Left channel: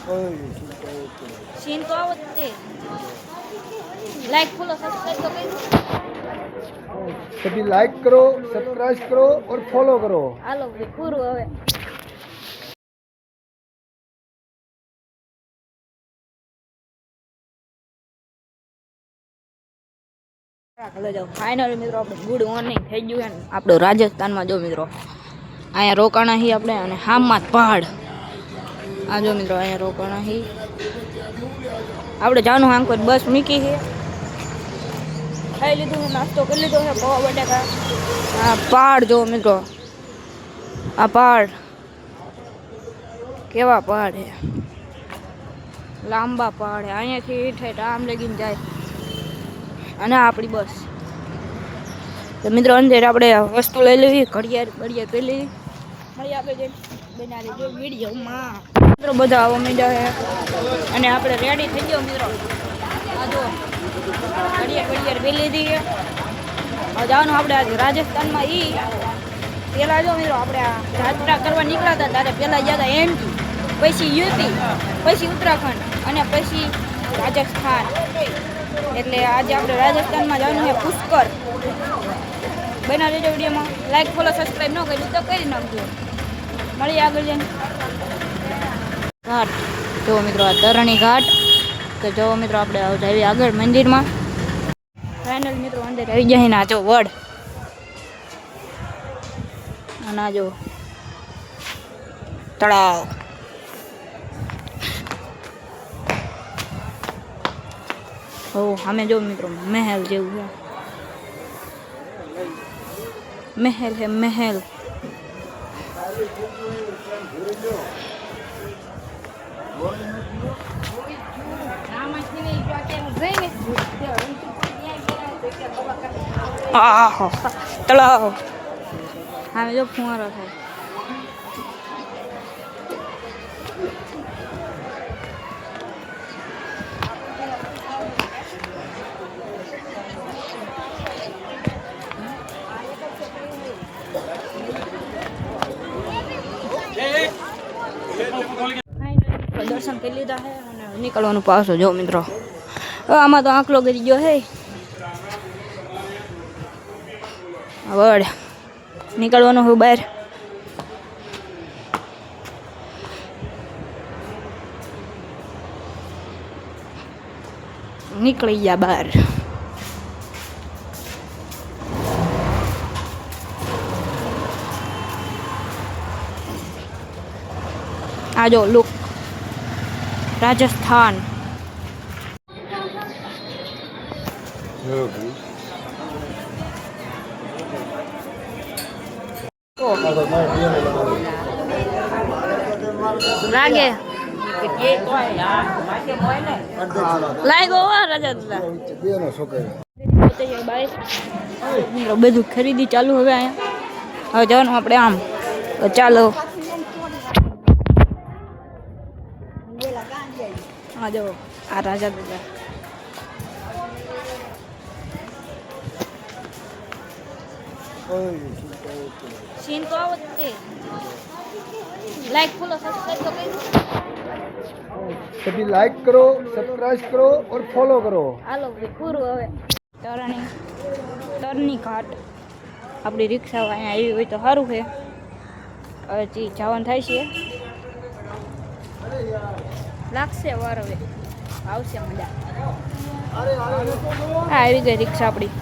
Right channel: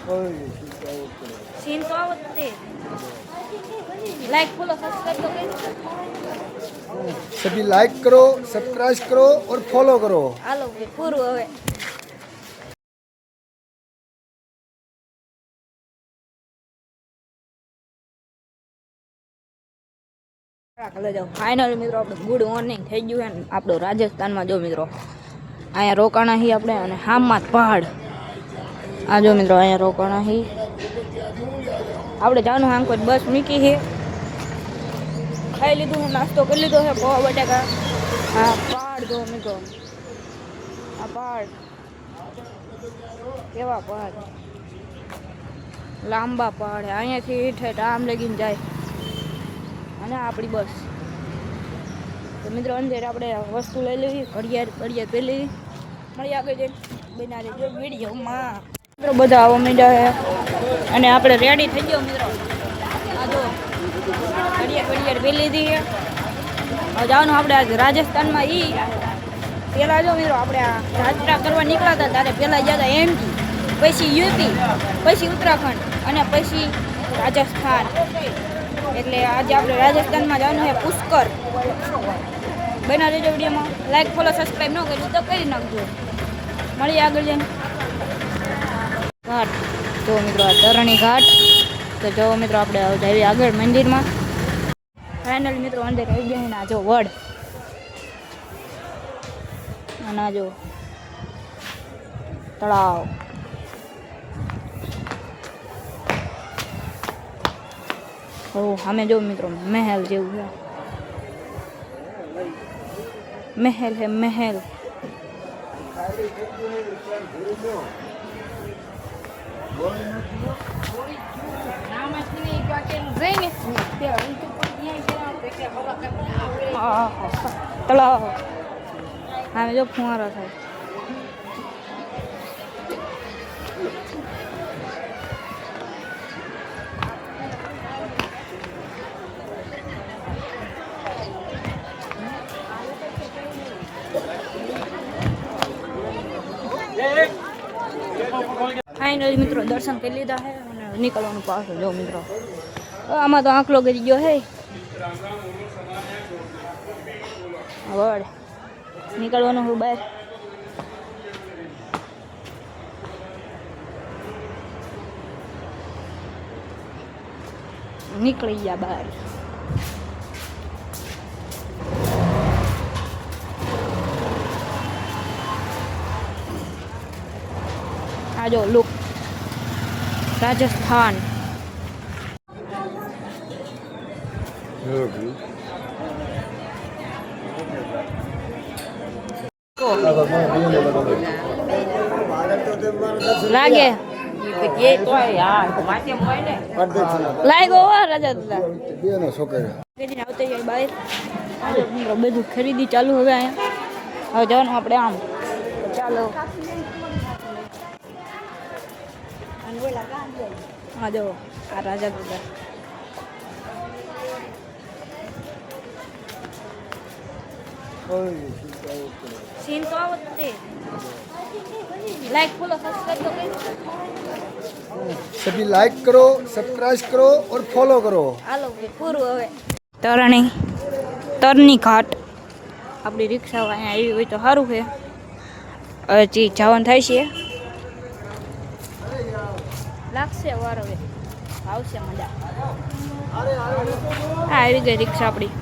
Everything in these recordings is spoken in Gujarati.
सीन तो आवते लाइक फॉलो सब्सक्राइब तो करो। सभी लाइक करो, सब्सक्राइब करो और फॉलो करो। हालो पूરું હવે હાલો જાઓ ફાઇનલ મિત્રો આપણે ગુડ મોર્નિંગ થઈ ગયું છે આપણો રાજસ્થાનમાં જો મિત્રો અહીંયા રોકાણા હી આપણે અને હામમાં પહાડ આ જો મિત્રો અહીંયા રોકાણા હી આપણે જવાનું આમ કોઈ બસ મૂકી છે ખાઈ લીધું છે નાસ્તો કરી લીધો છે પૌવા બટાકા આ પહાડ જો મિત્રો આ પહાડ કેવા પહાડ છે લાંબા પહાડ છે અહીંયાથી ઠેઠ આમ લગીને જાય અને આપણી બસ તો મિત્રો અંદર આપણે વસ્તુ લઈ લેવી ઘડિયાળ પહેરી લેવી મળી આગળ જઈને બનાવી જો વિડીયોમાં મિત્રો બધા આવવા માંડ્યા છે અને આપણે રેડી થઈ ગયો મિત્રો આ જો ઘડિયાળ પહેરી લીધી છે જવાનું આપણે આજે રાજસ્થાનમાં પહેલાં જો મિત્રો આપણે આ યાત્રા કરવા નીકળ્યા હતા ત્યારે પહેલાં ગયા હતા એમપી પછી યુપી પછી ઉત્તરાખંડ અને પછી રાજસ્થાન એટલે આજે આપણે રાજસ્થાનમાં જવાનું છે પુષ્કર બના દેજો વિડીયોમાં લાઈક ફોલો સબસ્ક્રાઈબ ન કર્યું તો કરી નાખજો મળીએ આગળ જઈને ઘાટ જો મિત્રો આ તરણી ઘાટ તો જો મિત્રો આપણે જઈએ આગળ મંદિરમાં ફાઇનલ મિત્રો અંદર આવી જાય ને આ જો વડ અને આ જો તળાવ ઓ અમે જો મિત્રો મહેલ જેવું છે મહેલ હે મહેલ તળાવ હવે જો ફુવારો થાય ફાઇનલી મિત્રો દર્શન કરી લીધા છે અને નીકળવાનું પાછો જો મિત્રો આમાં તો આંકલો કરી ગયો હે વડ નીકળવાનું હું બહાર નીકળી ગયા બહાર આ જો લુક રાજસ્થાન લાગે લાગ્યો રાજા બધું ખરીદી ચાલુ હવે અહીંયા હવે જવાનું આપણે આમ તો ચાલો આ જો આ રાજા દાદા सीन तो आवते लाइक फॉलो सब्सक्राइब तो करो। सभी लाइक करो, सब्सक्राइब करो और फॉलो करो। हालो पूરું હવે તરની ઘાટ આપણી રિક્ષા અહીંયા આવી હોય તો સારું છે હજી જવાનું થાય છે લાગશે વાર હવે આવશે મજા આવી ગઈ રિક્ષા આપણી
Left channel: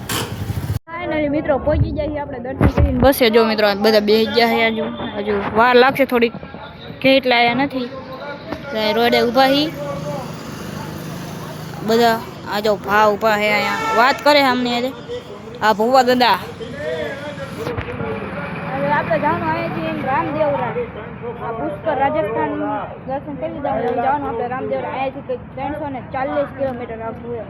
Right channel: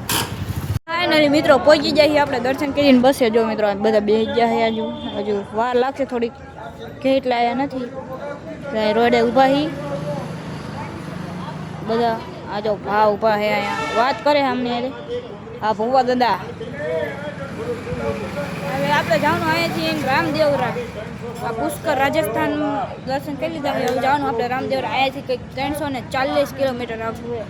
ફાઇનલી મિત્રો પહોંચી જાય આપણે દર્શન કરીને બસે જો મિત્રો બધા બેસી ગયા છે હજુ વાર લાગશે થોડીક કેટલા આવ્યા નથી રોડે ઊભા હી બધા આ જો ભા ઊભા છે અહીંયા વાત કરે અમને આ ભૂવા દાદા હવે આપણે જવાનું અહીંયાથી રામદેવરા આ પુષ્કર રાજસ્થાન દર્શન કરી લીધા હવે જવાનું આપણે રામદેવરા અહીંયાથી કંઈક 340 કિલોમીટર આખું છે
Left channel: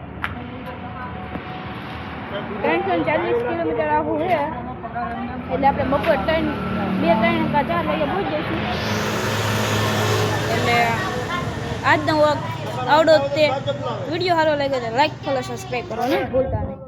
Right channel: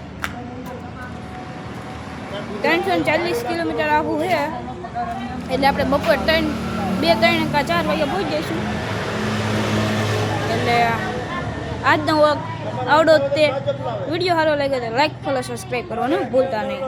340 કિલોમીટર આખું છે એટલે આપણે બપોર 2-3 કે 4 વાગે પહોંચી જઈશું એટલે આજનો આવડો તે વિડીયો સારો લાગે તો લાઈક ફોલો સબસ્ક્રાઈબ કરવાનું ભૂલતા નહીં।